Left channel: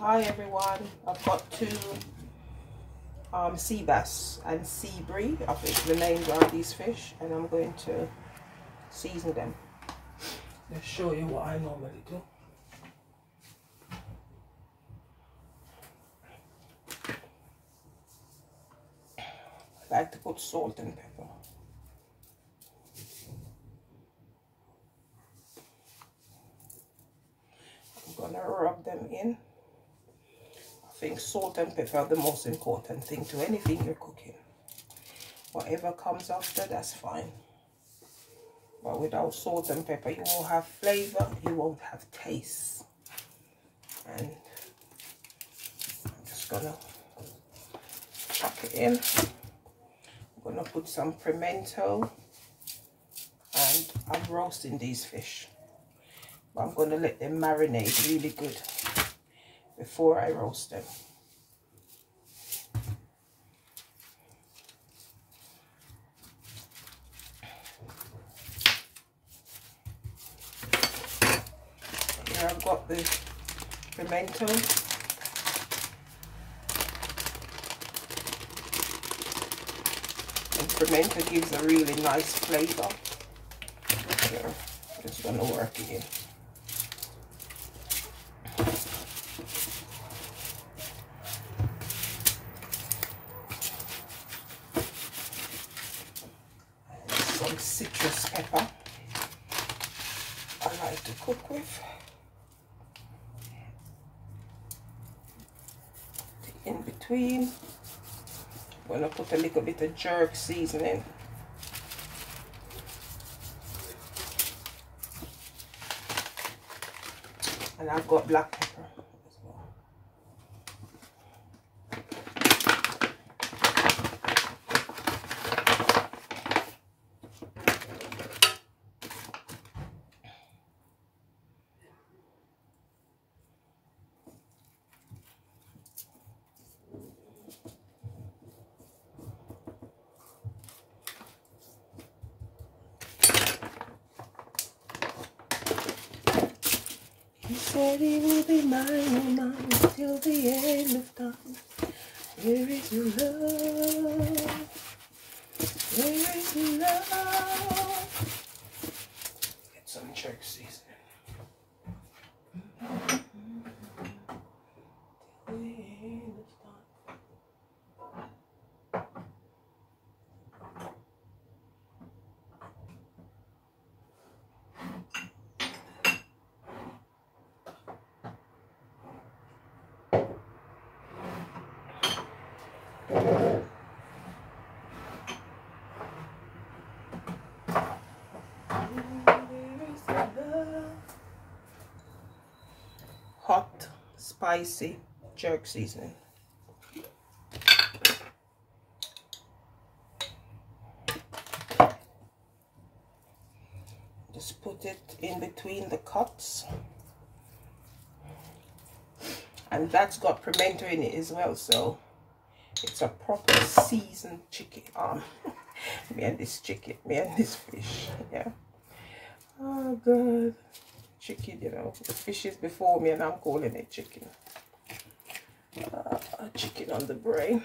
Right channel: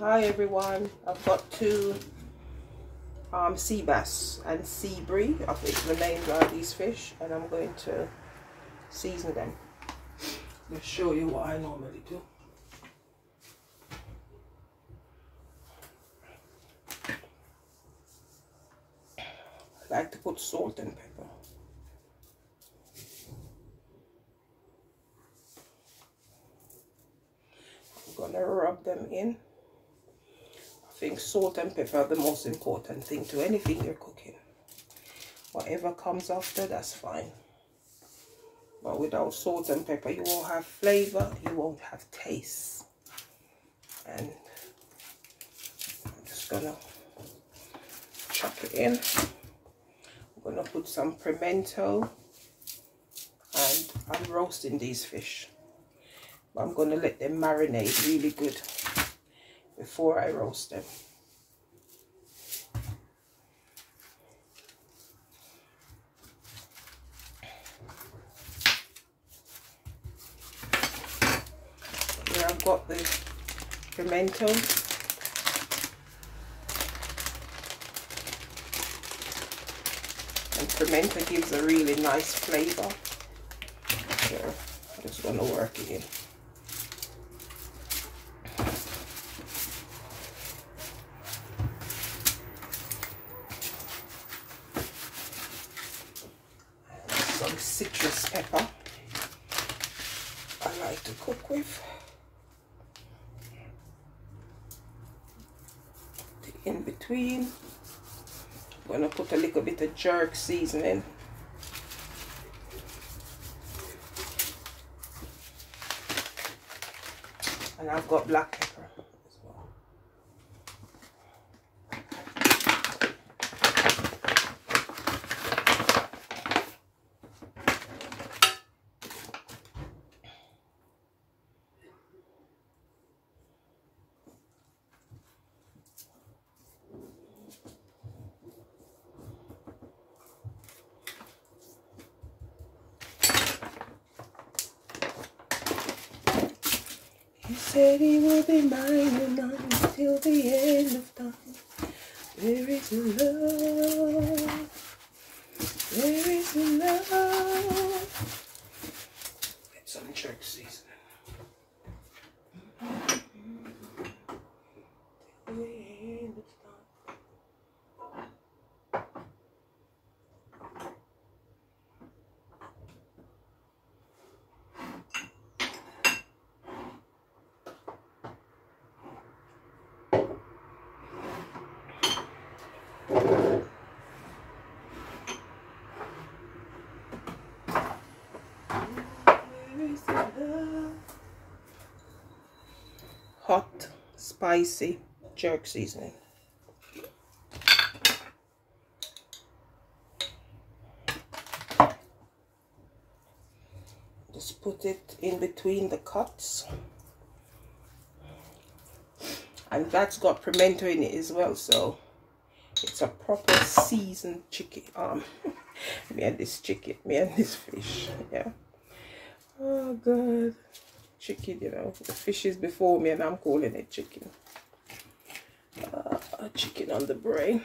Hi everyone, I've got two sea bass and sea brie. I think the names are these fish, and I'm going to season them. Let's show you what I normally do. I like to put salt and pepper. I'm gonna rub them in. I think salt and pepper are the most important thing to anything you're cooking. Whatever comes after, that's fine. But without salt and pepper, you won't have flavor, you won't have taste. And I'm just gonna chuck it in. I'm gonna put some pimento, and I'm roasting these fish. But I'm gonna let them marinate really good before I roast them. Here I've got the pimento. And pimento gives a really nice flavor. Here, I'm just gonna work it in. Some citrus pepper I like to cook with. In between, I'm going to put a little bit of jerk seasoning. And I've got black pepper as well. He said he would be mine till the end of time. There is love, there is love. Get some jerk seasoning. Till the end of time. Hot, spicy jerk seasoning. Just put it in between the cuts. And that's got pimento in it as well, so it's a proper seasoned chicken. Me and this fish, yeah. Oh god, chicken, you know, the fish is before me and I'm calling it chicken. Chicken on the brain.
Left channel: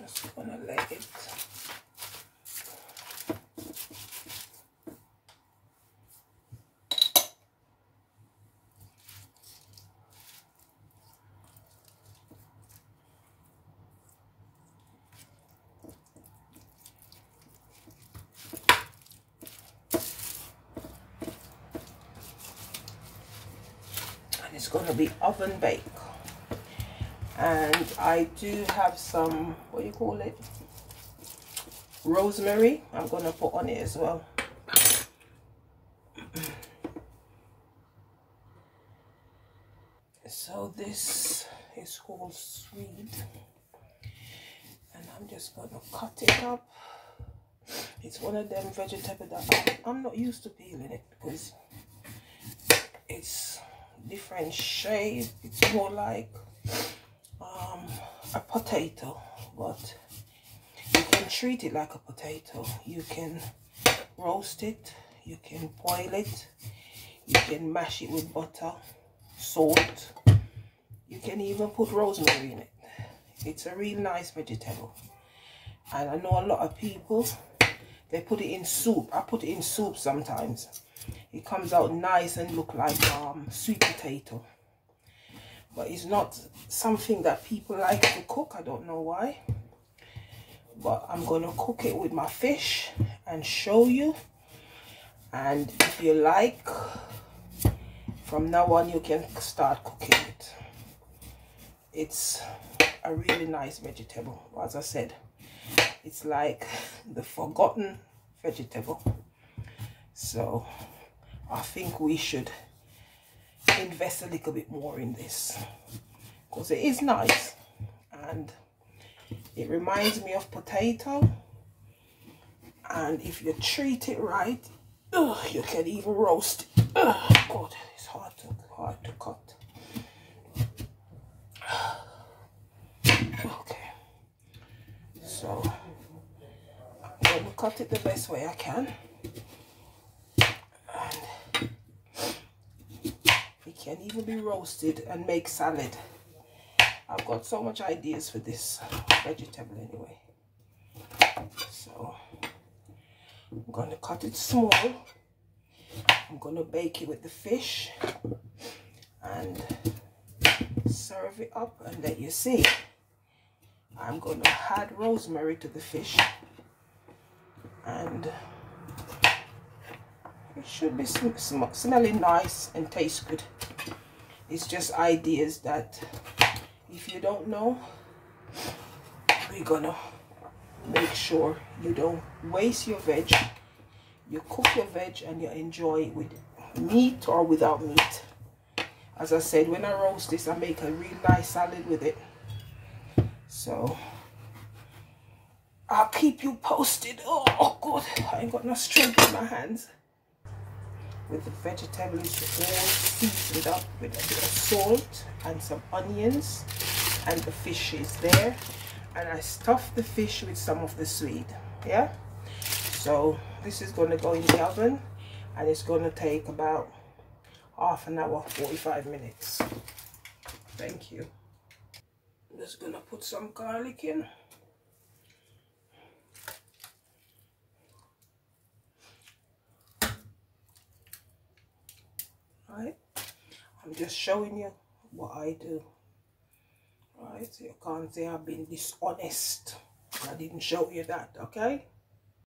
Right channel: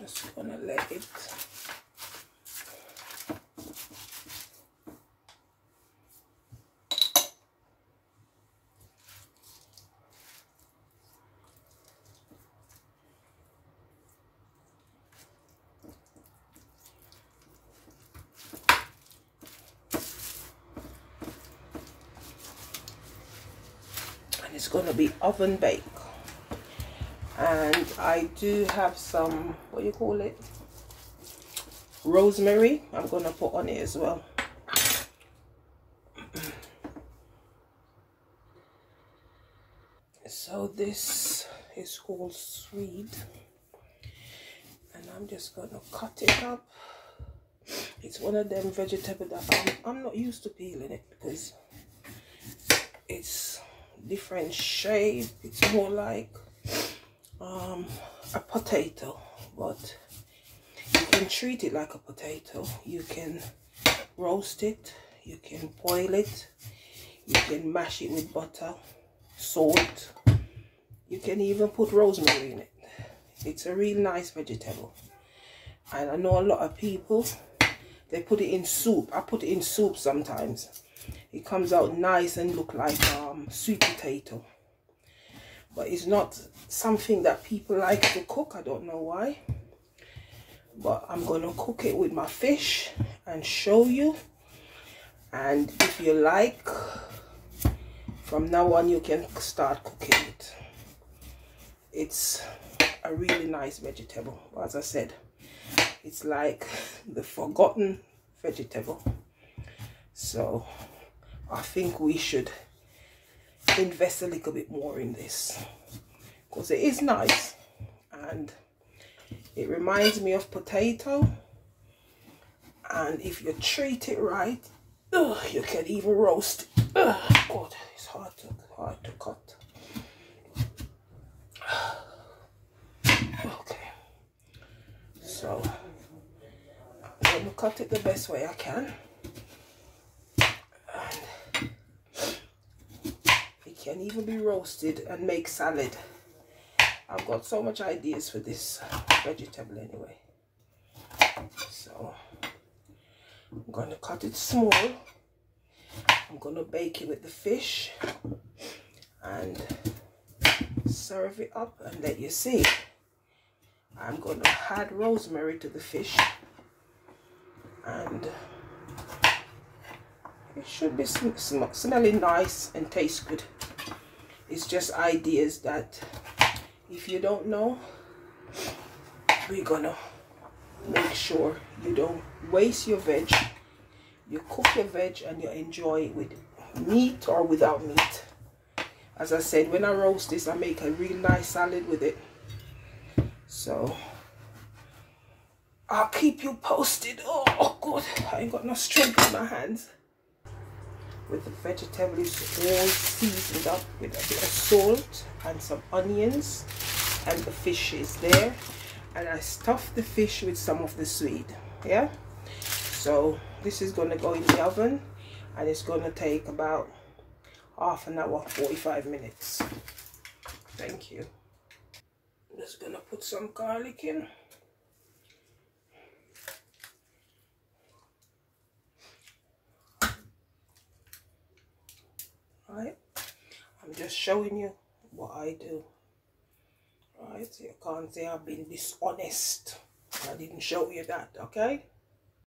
Just gonna let it. And it's gonna be oven baked. And I do have some, what do you call it, rosemary I'm gonna put on it as well. So this is called sweed, and I'm just gonna cut it up. It's one of them vegetables that I'm not used to peeling it because different shape. It's more like a potato, but you can treat it like a potato. You can roast it, you can boil it, you can mash it with butter, salt. You can even put rosemary in it. It's a real nice vegetable. And I know a lot of people, they put it in soup. I put it in soup sometimes. It comes out nice and look like sweet potato. But it's not something that people like to cook. I don't know why. But I'm going to cook it with my fish and show you. And if you like, from now on you can start cooking it. It's a really nice vegetable. As I said, it's like the forgotten vegetable. So I think we should invest a little bit more in this, because it is nice and it reminds me of potato. And if you treat it right, you can even roast it. God, it's hard to cut. Okay, so I'm going to cut it the best way I can. And it can even be roasted and make salad. I've got so much ideas for this vegetable anyway. So I'm going to cut it small. I'm going to bake it with the fish and serve it up and let you see. I'm going to add rosemary to the fish, and it should be smelling nice and taste good. It's just ideas that if you don't know, we're gonna make sure you don't waste your veg. You cook your veg and you enjoy it with meat or without meat. As I said, when I roast this, I make a real nice salad with it. So I'll keep you posted. Oh God, I ain't got no strength in my hands. With the vegetables all seasoned up with a bit of salt and some onions, and the fish is there, and I stuffed the fish with some of the sweed. Yeah, so this is going to go in the oven, and it's going to take about half an hour, 45 minutes. Thank you. I'm just going to put some garlic in. Right, I'm just showing you what I do. Right, so you can't say I've been dishonest. I didn't show you that, okay?